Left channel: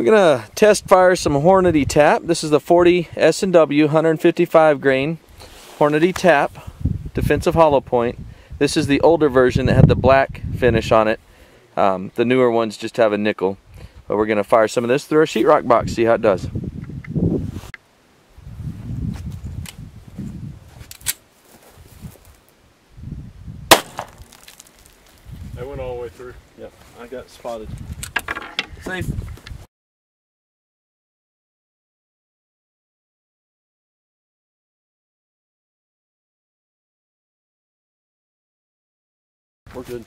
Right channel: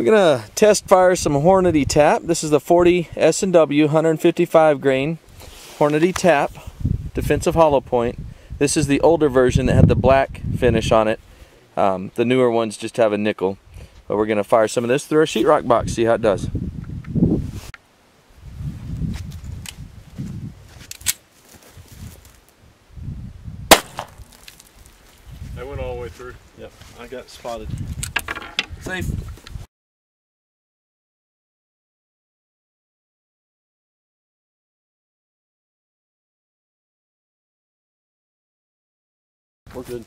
We're gonna test fire some Hornady TAP. This is the 40 S&W 155 grain Hornady TAP defensive hollow point. This is the older version that had the black finish on it. The newer ones just have a nickel. But we're gonna fire some of this through our sheetrock box, see how it does. That went all the way through. Yep, I got spotted. Safe. We're good.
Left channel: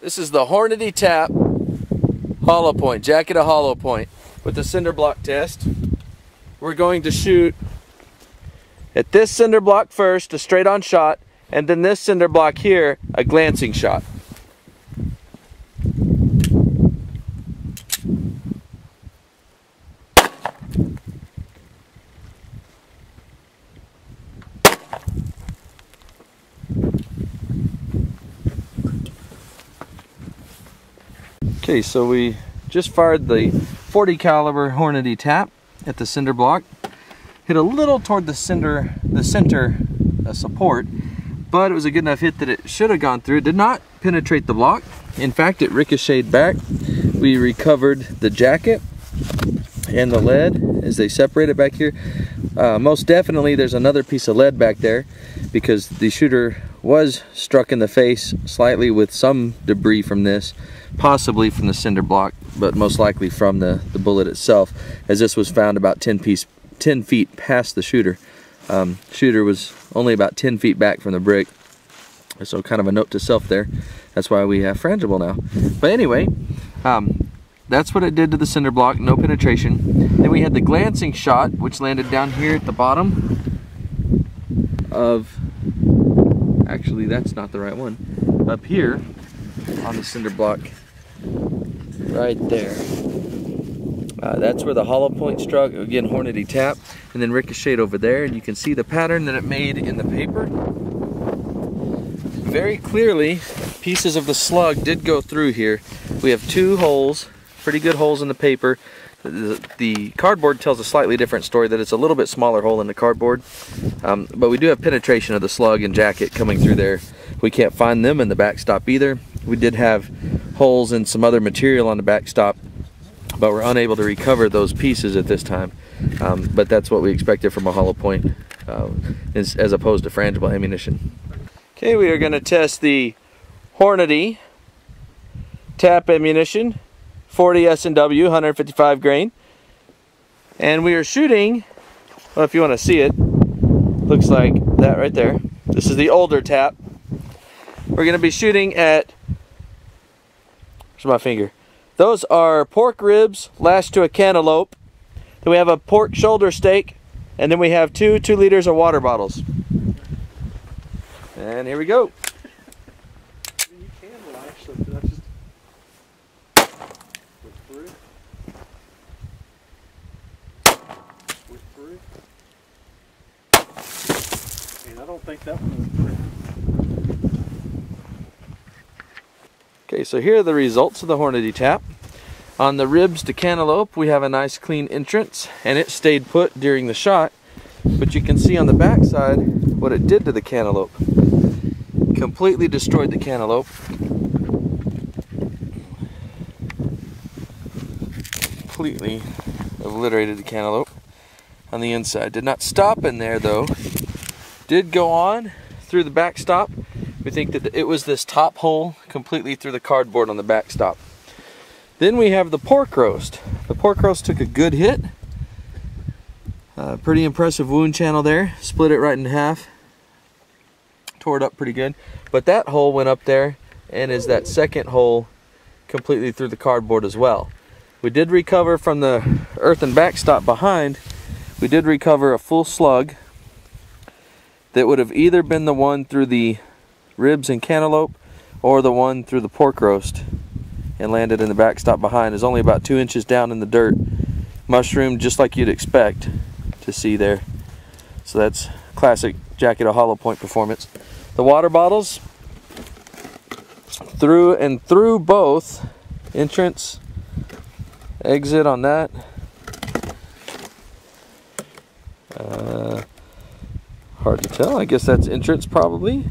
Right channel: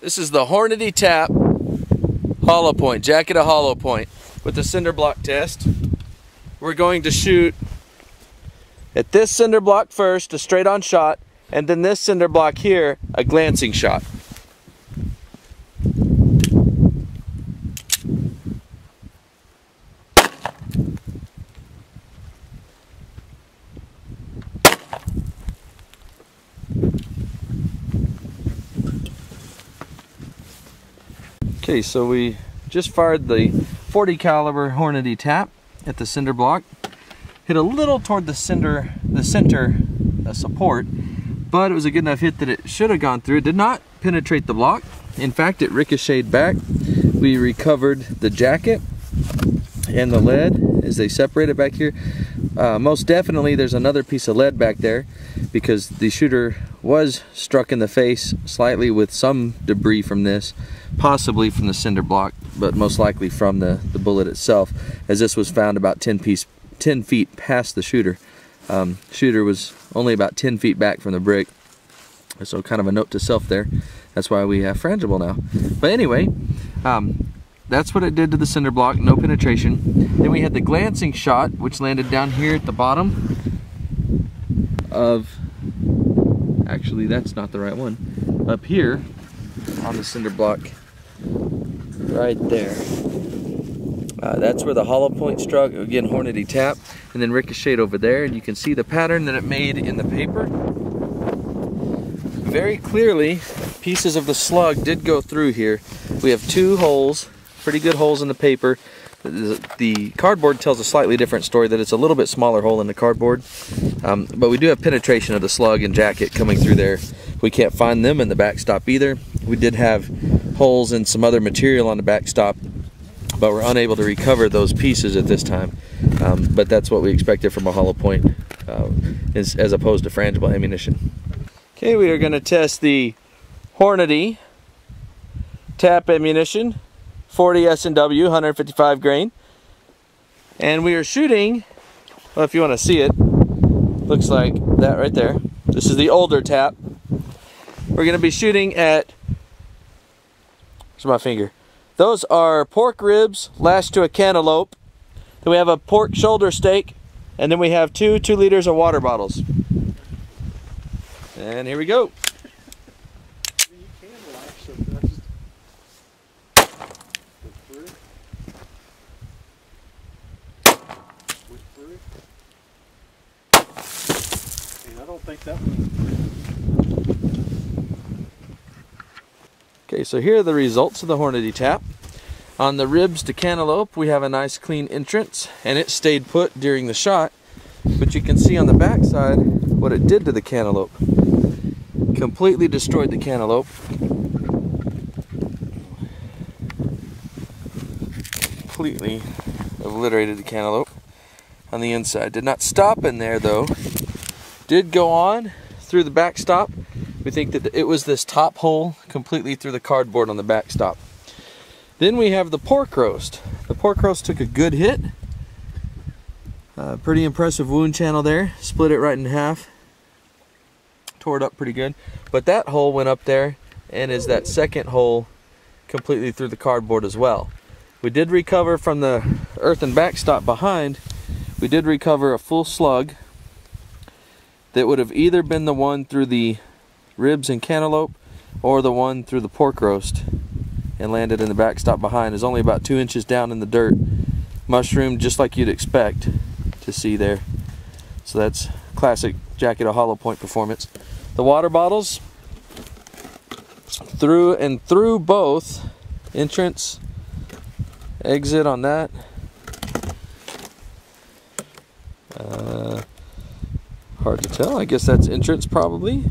This is the Hornady TAP hollow point, jacket of hollow point with the cinder block test. We're going to shoot at this cinder block first, a straight on shot, and then this cinder block here, a glancing shot. Okay, so we just fired the 40 caliber Hornady TAP at the cinder block. Hit a little toward the center support, but it was a good enough hit that it should have gone through. It did not penetrate the block. In fact, it ricocheted back. We recovered the jacket and the lead as they separated back here. Most definitely there's another piece of lead back there because the shooter was struck in the face slightly with some debris from this, possibly from the cinder block, but most likely from the bullet itself, as this was found about 10 feet past the shooter. Shooter was only about 10 feet back from the brick, so kind of a note to self there. That's why we have frangible now. But anyway, that's what it did to the cinder block, no penetration. Then we had the glancing shot, which landed down here at the bottom of, actually that's not the right one, up here on the cinder block right there. That's where the hollow point struck, again Hornady TAP, and then ricocheted over there, and you can see the pattern that it made in the paper. Very clearly, pieces of the slug did go through here. We have two holes, pretty good holes in the paper. The cardboard tells a slightly different story, that it's a little bit smaller hole in the cardboard. But we do have penetration of the slug and jacket coming through there. We can't find them in the backstop either. We did have holes in some other material on the backstop, but we're unable to recover those pieces at this time. But that's what we expected from a hollow point, as opposed to frangible ammunition. Okay, we are going to test the Hornady TAP ammunition, 40 S&W, 155 grain. And we are shooting, well, if you want to see it, looks like that right there. This is the older TAP. We're going to be shooting at, where's my finger? Those are pork ribs lashed to a cantaloupe. Then we have a pork shoulder steak, and then we have 2 liters of water bottles. And here we go. You can lash something. That's just went through. Went through. And I don't think that one went through. Okay, so here are the results of the Hornady TAP. On the ribs to cantaloupe, we have a nice clean entrance, and it stayed put during the shot. But you can see on the back side what it did to the cantaloupe. Completely destroyed the cantaloupe. Completely obliterated the cantaloupe on the inside. Did not stop in there though. Did go on through the backstop. We think that it was this top hole completely through the cardboard on the backstop. Then we have the pork roast. The pork roast took a good hit. Pretty impressive wound channel there. Split it right in half. Tore it up pretty good. But that hole went up there, and is that second hole completely through the cardboard as well. We did recover from the earthen backstop behind. We did recover a full slug that would have either been the one through the ribs and cantaloupe or the one through the pork roast, and landed in the backstop behind. Is only about 2 inches down in the dirt, mushroomed just like you'd expect to see there. So that's classic jacket of hollow point performance. The water bottles, through both entrance, exit on that. Hard to tell. I guess that's entrance probably.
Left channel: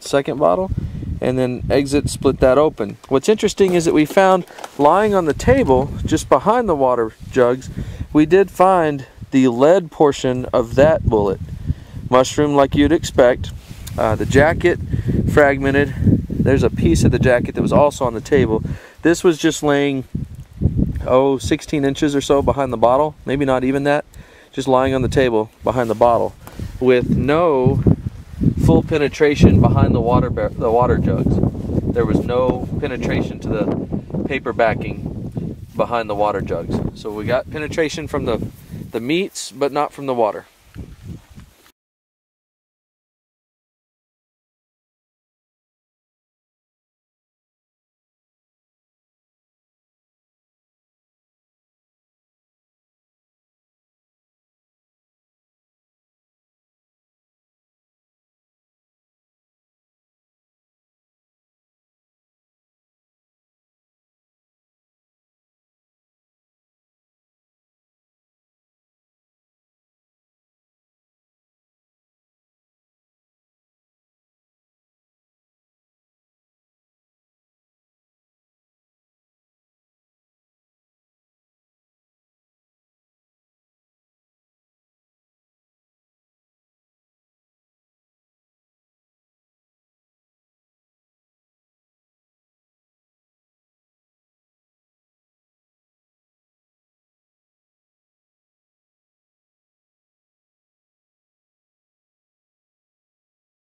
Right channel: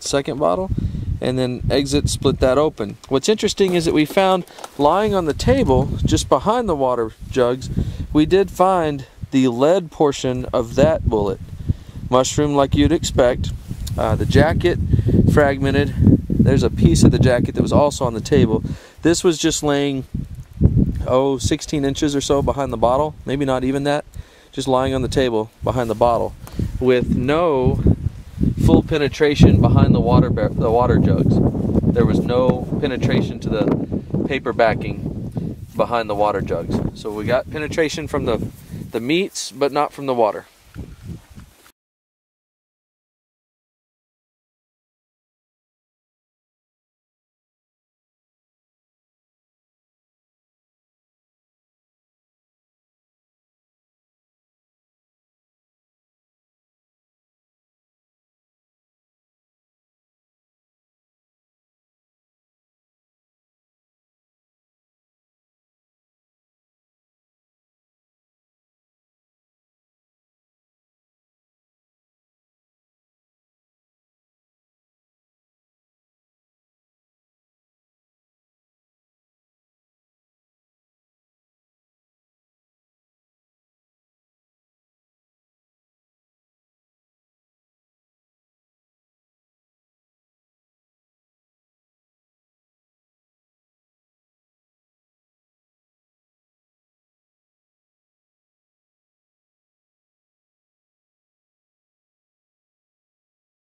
Second bottle. And then exit, split that open. What's interesting is that we found lying on the table just behind the water jugs, we did find the lead portion of that bullet. Mushroom like you'd expect. The jacket fragmented. There's a piece of the jacket that was also on the table. This was just laying 16 inches or so behind the bottle, maybe not even that, just lying on the table behind the bottle with no full penetration behind the water jugs. There was no penetration to the paper backing behind the water jugs. So we got penetration from the meats, but not from the water.